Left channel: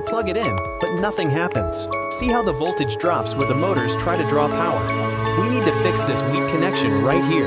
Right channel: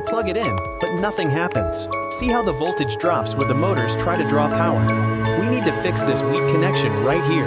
You plug it in, but nothing happens. See how the voltage drops where the motors try to draw power? We need to fix this weak connection right here.